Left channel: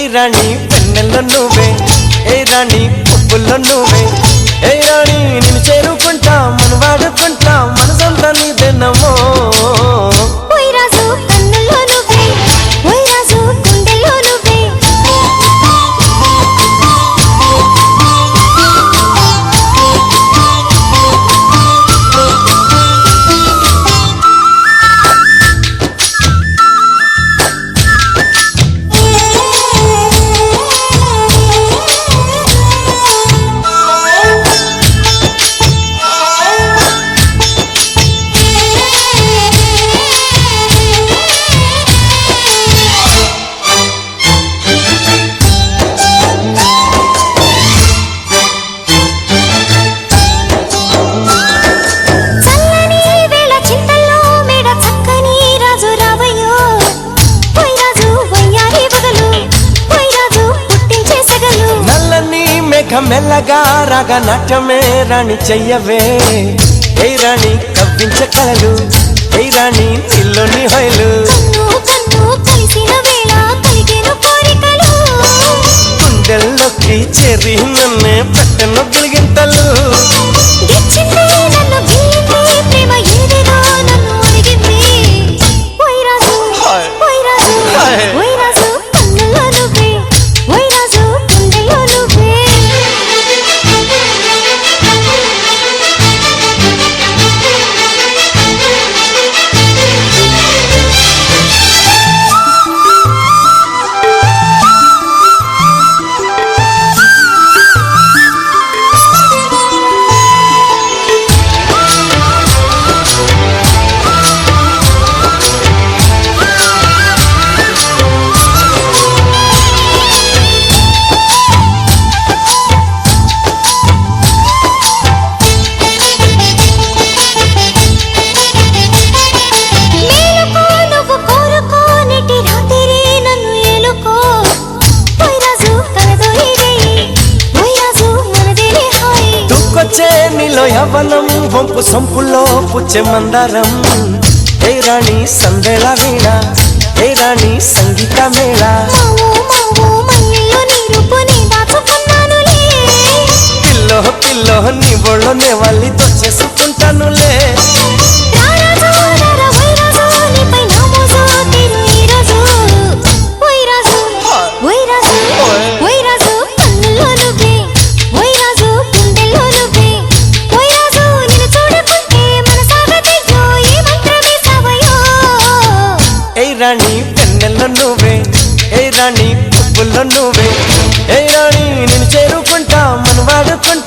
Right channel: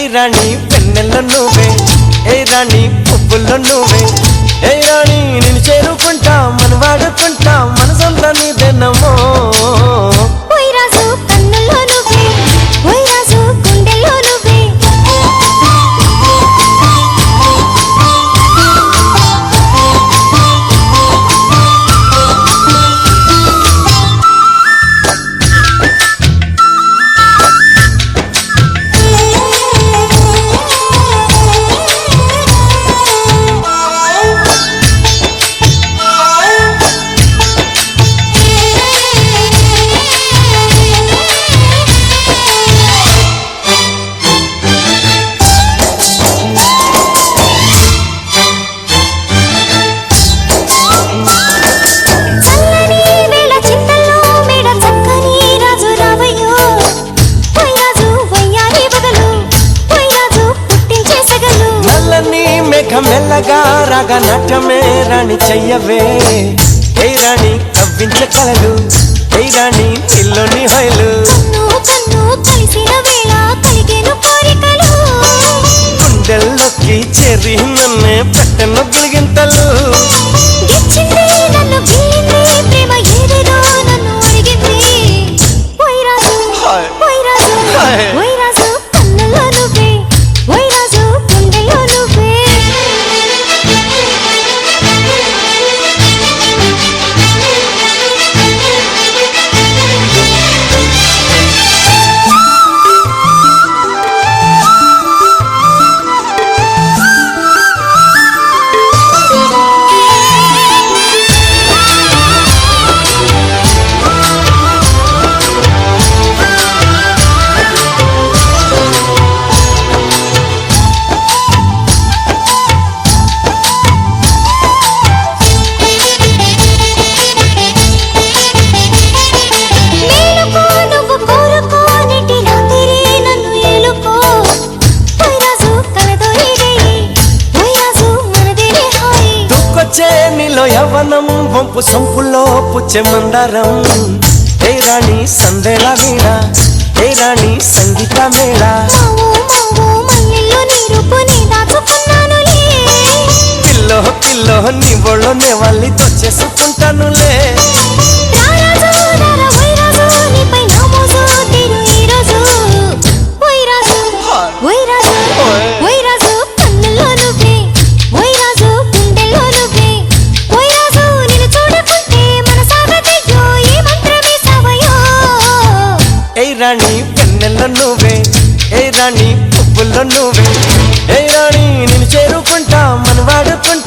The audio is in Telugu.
ఏ రాణి వెన్నెల్లో నువ్వే, ఏ రాణి పువ్వుల్లో నువ్వే, ఏ రాణి నేను చేరుకుంటా మన వాడుకుంటా మనసంతా నీదేనమ్మో. ఓయ్ రాజు కన్నుల్లో నువ్వే, ఓయ్ రాజు గుండెల్లో నువ్వే. మెల్లగా రాగా నాట్యమే రాణి చెయ్యవే, ఏ రాణి కవ్వించే కలలు, ఏ రాణి నీలోని హొయలు. కన్ను కన్ను కలిసిన వేళ కలిగేను కోరికలు, గుండెల్లోకి చేరి నన్నే పెట్టను గిలిగింతలు. గిచ్చింది నన్ను గిల్లింది ప్రేమ ఏదేదో నన్ను అడిగింది. ఓయ్ రాజు ఓయ్ రాజు ఓయ్ రాజు కన్నుల్లో నువ్వే, ఓయ్ రాజు గుండెల్లో నువ్వే. నీలో యవ్వనం వంపు సొంపుల్లో పుచ్చే మందారం, ఏ రాణి సందేళ వీణ, ఏ రాణి సంగీత మేళ. పిల్లో పిల్లో నీ ఒళ్ళోనే వాళ్ళి దొచ్చేసుకుంటానులే. ఏ రాణి వెన్నెల్లో నువ్వే, ఏ రాణి పువ్వుల్లో నువ్వే, ఏ రాణి నేను చేరుకుంటా మన వాడుకుంటా